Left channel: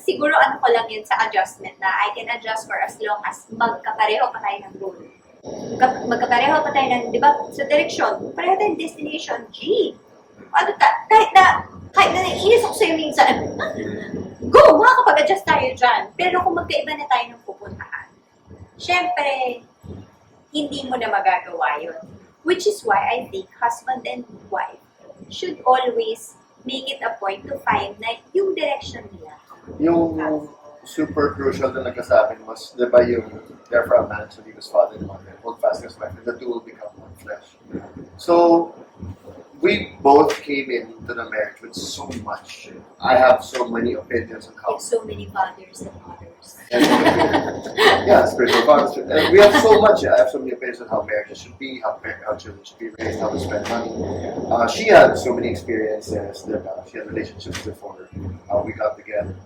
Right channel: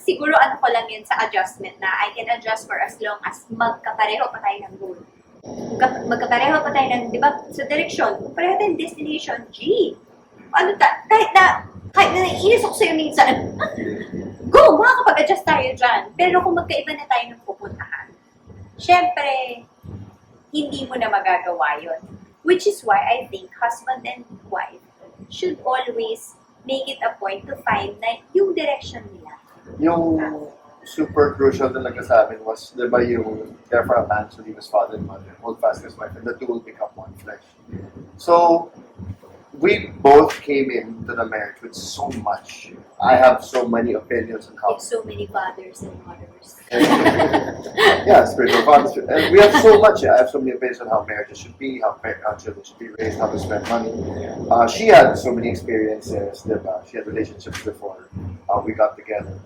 siguro ano ko lang yun sa adjustment na I can adjust for as long as magkapareho pa tayo ng goal. Magkapareho pa tayo ng, di ba, sa direksyon, pareho tayong destination, G. Ano kahit na naiinis ako sa'yo minsan, go, makakapag-adjust tayo dyan. Pero kung magkaiba na tayo ng pupuntahan, syempre, hindi mo na magagawa yun. Which is why I think husband and wife should always make it a point to find na yung direction nila. Yung super crucial na nagkasabi was, di ba yung therefore a man should leave his father and mother, hold fast his wife, and the two will become one flesh. So, we both came into the marriage with so much. I have so many opinions on how. With so many fathers and mothers. Yeah, spiritual fathers. And we have so much. I have so many opinions on how marriages should be, how children should be raised, how to spend money. She had so many experiences. Diba? She had relationships before we got together.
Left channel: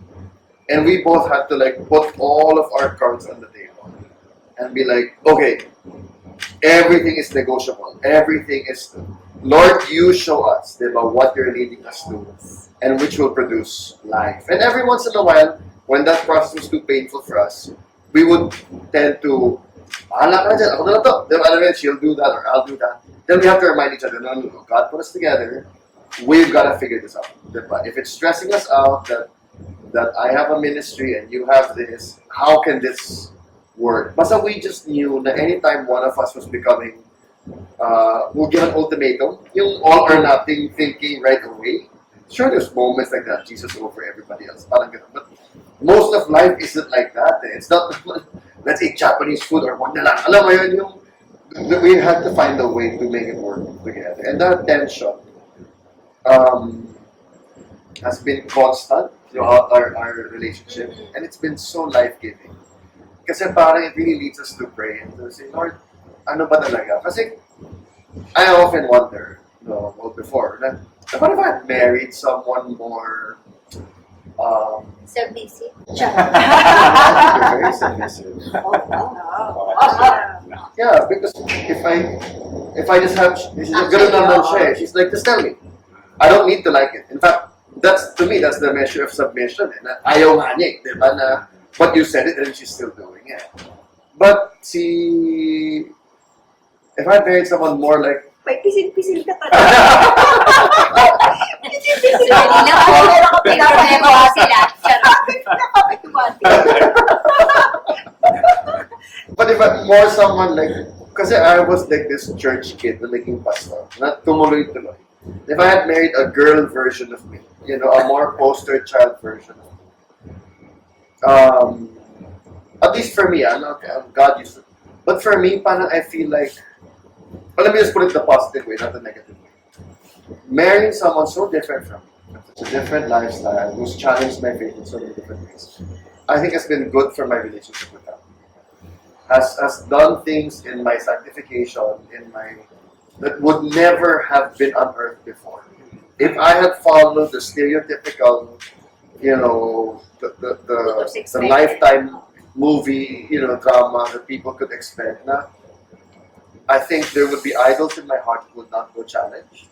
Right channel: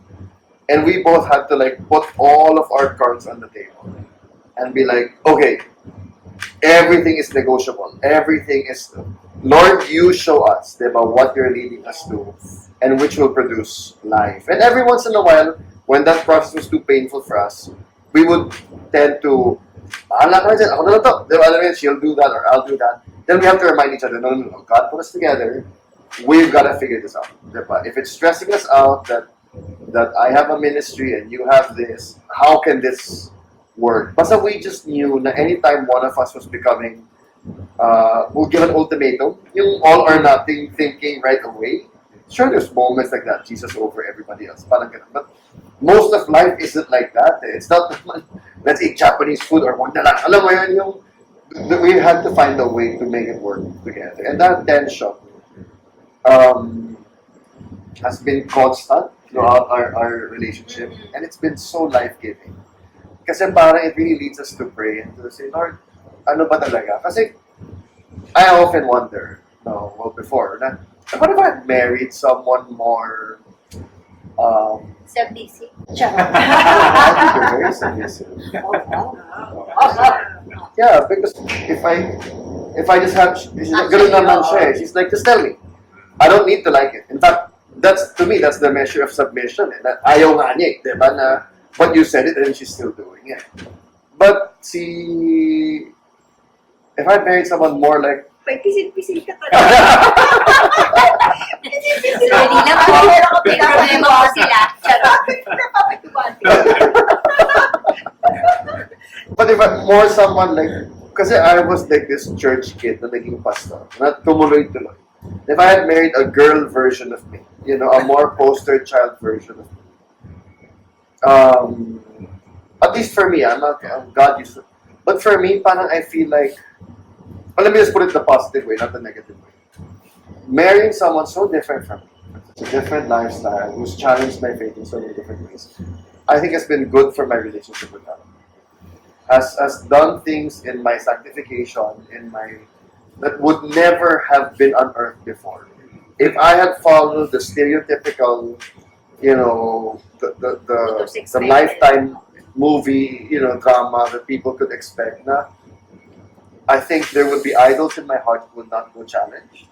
And we both had to like put all of our cards on the table and be like, okay, everything is negotiable. Everything is, Lord, you show us diba, what you're leading us to and which will produce life. And every once in a while, when that process was too painful for us, we would tend to, anak na dyan, ako na lang to. Diba, alam mo, she'll do that or I'll do that. Then we have to remind each other, no, God put us together. We've got to figure this out. Diba? If it's stressing us out that I have a ministry and you have this, how can this work? Basta we just knew na anytime one of us was becoming, we'll give an ultimatum, yung all or nothing thinking right away. Sure, there's moments like that, Jesus over everybody else, parang ganun. But most of life isn't like that. It's not, let's eat Japanese food or wag na lang. Alam mo yun, yung, we had to find a way to make it work together. And that tension has been constant throughout our relationship. And it's been so life-giving. Kasi parang it really leads us to pray and to say, Lord, ano ba talaga? Kasi I often wonder, before, what if I had married someone more Submissive. you're very submissive. Wow. Yeah, because if I just have, ganun naman siya eh. She's like, just tell me. I don't need to like it. In fact, to me, that's the measure of submission. Eh. Na ayaw nga niya eh, diba? Na, but you said it and she's still doing it. But if I married someone more like, May pisil-pisil ka talaga. Pisil-pisil ka. Sorry lang po. May problema po sila. Charot. Nakapituwati. but if I'm more someone like, kasi I was like this church kid na naging pastor, na tumuloy-tuloy. If I had married a girl version of me, a more poster child version of me, at least for me, God used to, but for me, parang I feel like, let me just put it the positive way, not the negative way. Marrying someone so different from me, it's a different lifestyle, who's challenged my faith in so many different ways, I think has been good for my relationship with God. Has done things in my sanctification, that would never have been unearthed before. If I had followed the stereotypical, the lifetime movie, drama that people could expect, I think there would be idols in my heart that would not go challenged.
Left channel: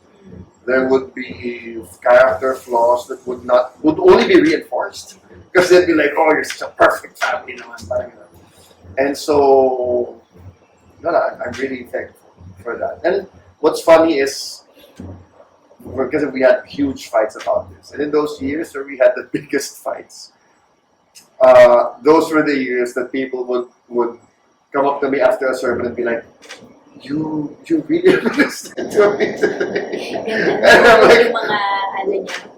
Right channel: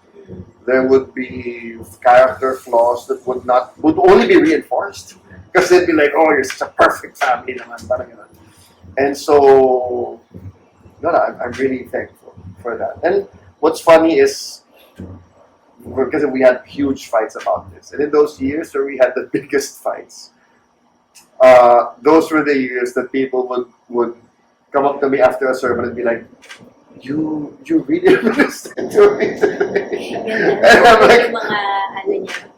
There would be character flaws that would only be reinforced. Because they'd be like, oh, you're such a perfect family naman. Parang ganun. And so, I'm really thankful for that. And what's funny is, because we had huge fights about this. And in those years where we had the biggest fights, those were the years that people would come up to me after a sermon and be like, you really understand to me today. And I'm like, yung mga,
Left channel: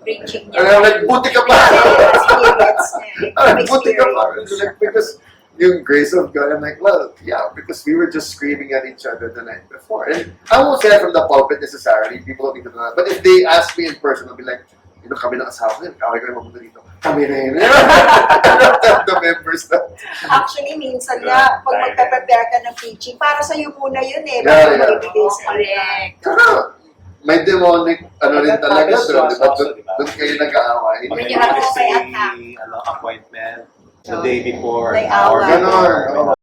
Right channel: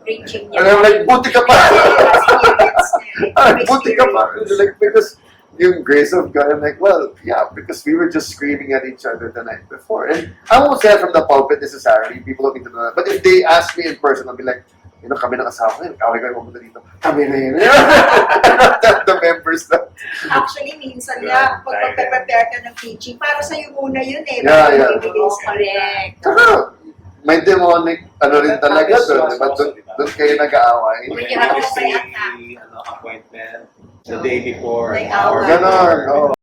preaching niya. And I'm like, buti ka pa. Buti ka pa. Like, because yung grace of God, I'm like, well, yeah, because we were just screaming at each other the night before. And I won't say that from the pulpit necessarily. People don't need to know that. But if they ask me in person, I'll be like, kami ng asawa ko yun. Kaway ko yung mamunta dito. Kami na yun. I don't tell the members that. Actually, minsan nga, pag magpe-prepare ka ng preaching, para sa'yo muna yun eh. Yeah, bago yeah. ibigay sa'yo. Correct. Saka, may demonic, rin talaga doon. Diba? Doon kayo nag-aaway. When you have to say appointment the day before. May an hour away. before. Ganon. Oh.